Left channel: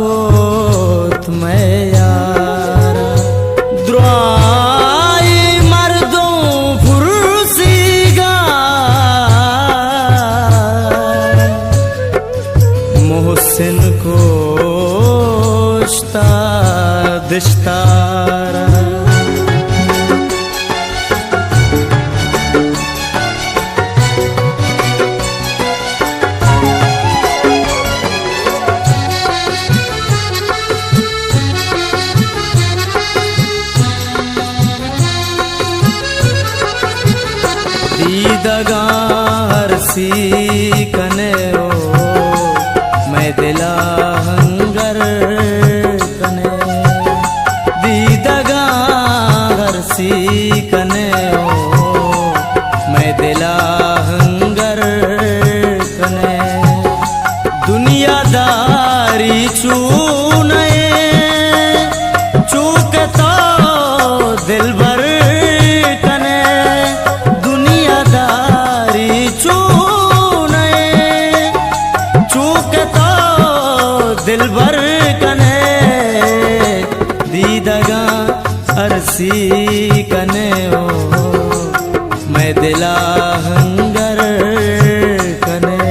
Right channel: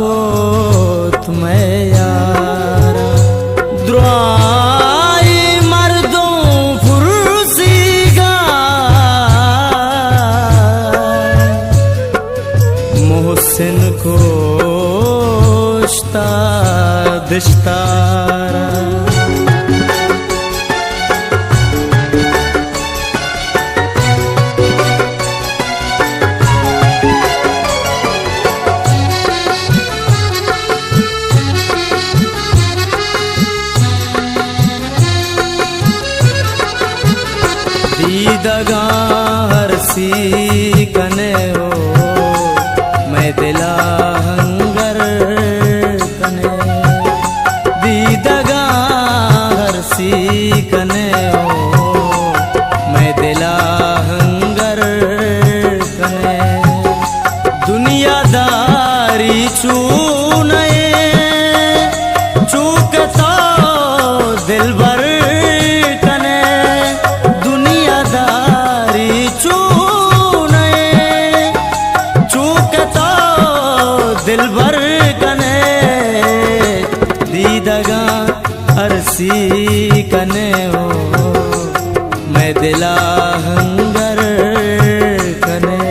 कोत मैं यारा द्रुआई मर्दों फुर्सीगा मोहसिन को दिश्तारा दीदगा हरसी कने ओ मैं दिला हंगर कने दीदगा हरसी कने ओ मैं दिला हंगर कने दुनियादारी चूने चूकता दिल भर कने दुनियादारी चूने चूकता दिल भर कने दीदगा अरसी कने ओ मैं दिला हंगर कने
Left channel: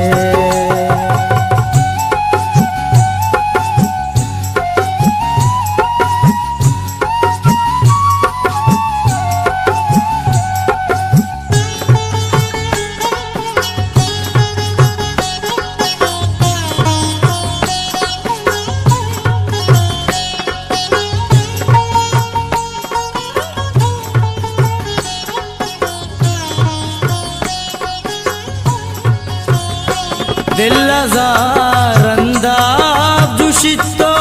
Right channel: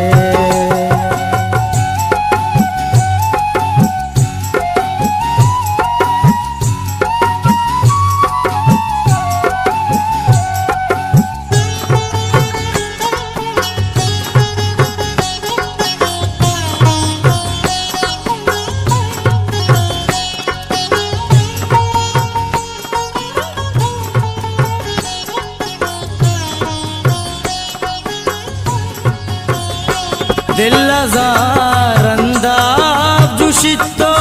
दिल लजारंदा जुशितो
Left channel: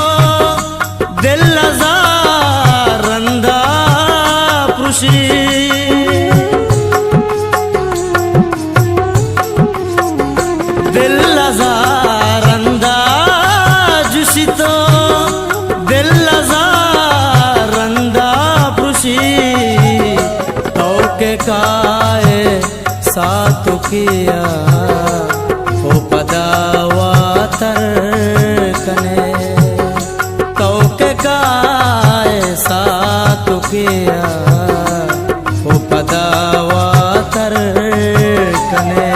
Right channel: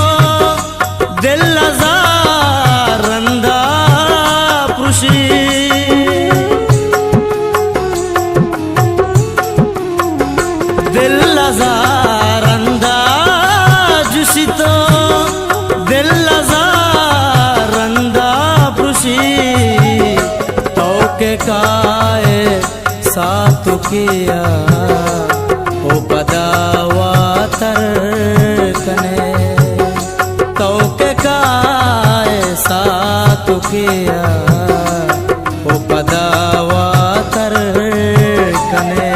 दिल लजारंदा पुरुषी दिल लजारंदा जुशितो दिल लजारंदा पुरुषी तो के काए साथ किया ओ पदावातर कने तो के काय साथ किया ओ पदावातर कने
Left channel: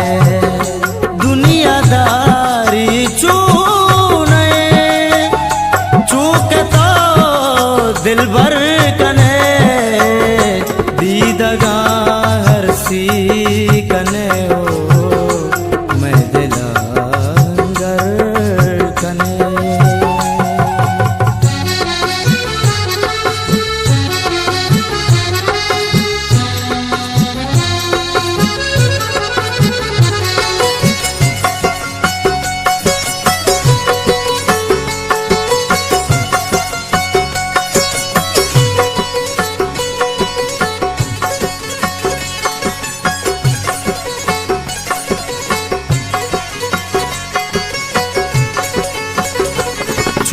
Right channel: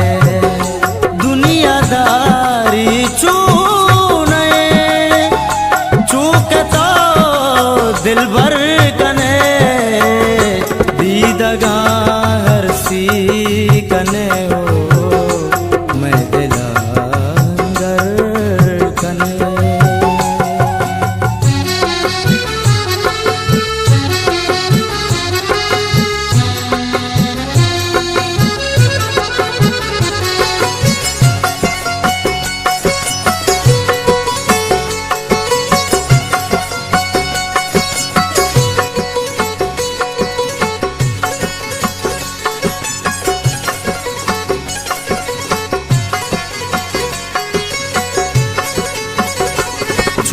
दुनियादारी चूने चूकता दिल भर कने दीदगा हरसी कने ओ मैं दिला हंगर कने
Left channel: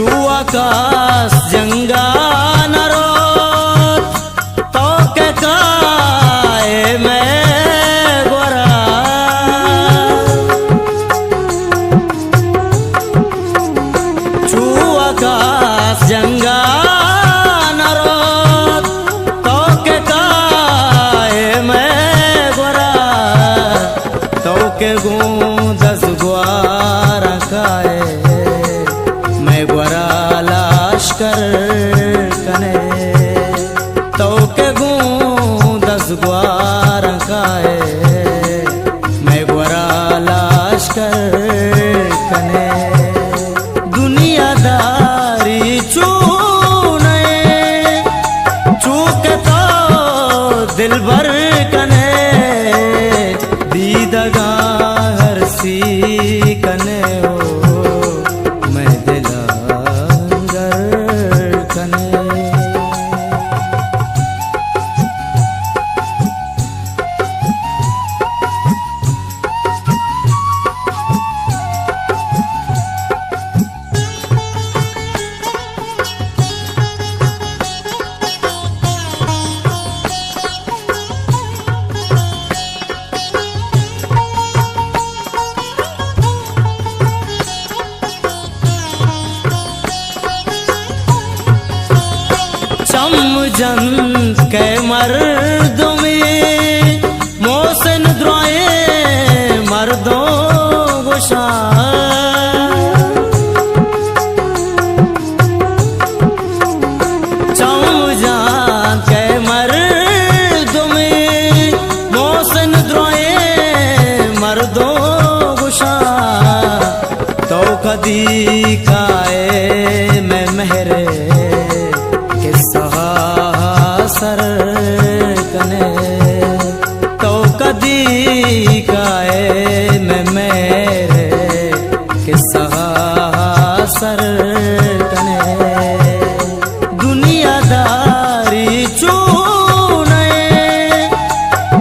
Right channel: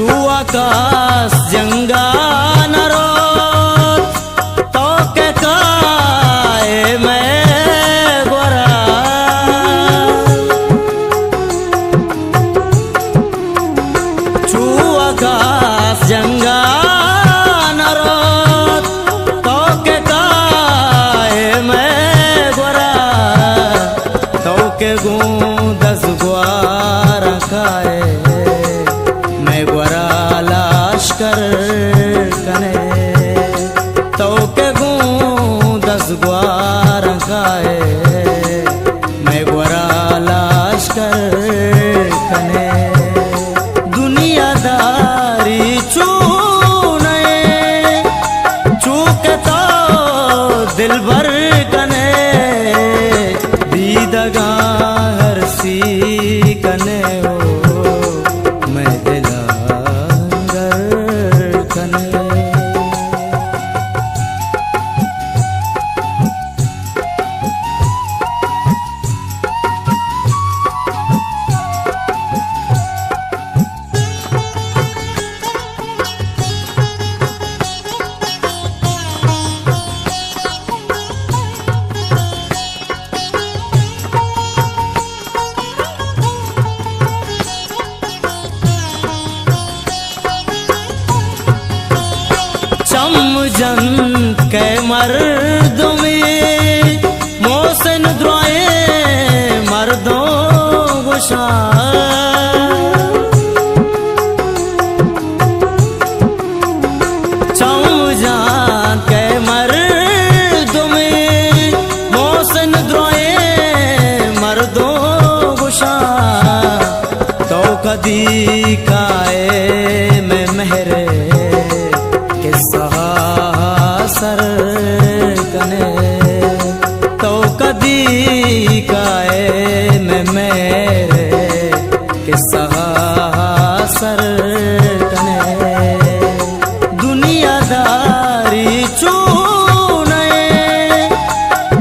चुआकाश जंगा नरोत तो के काए मैं गोरा चुआकाश जंगा नरोत तो के काए मैं गोरा तो के गूंदस ग्वारा काए मैं ग्वारा लाश्कर कने तो के गूंदस ग्वारा काए मैं ग्वारा लाश्कर कने दुनियादारी चूने चूकता दिल भर कने दीदगा हरसी कने ओ मैं दिला हंगर कने चमजन के मर्दमी मोहसिन द्रोए मर्दों गुशा चमजन के मर्दमी मोहसिन द्रोए मर्दों गुशा तो कदी काए में मेहरे किस्सा सर कने तो कदी काए में मेरे किस्सा सर कने दुनियादारी चूने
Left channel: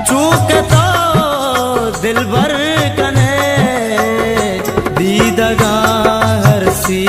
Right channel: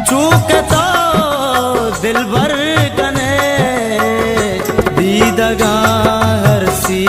चूकता दिल भर कने दीदगा हर सी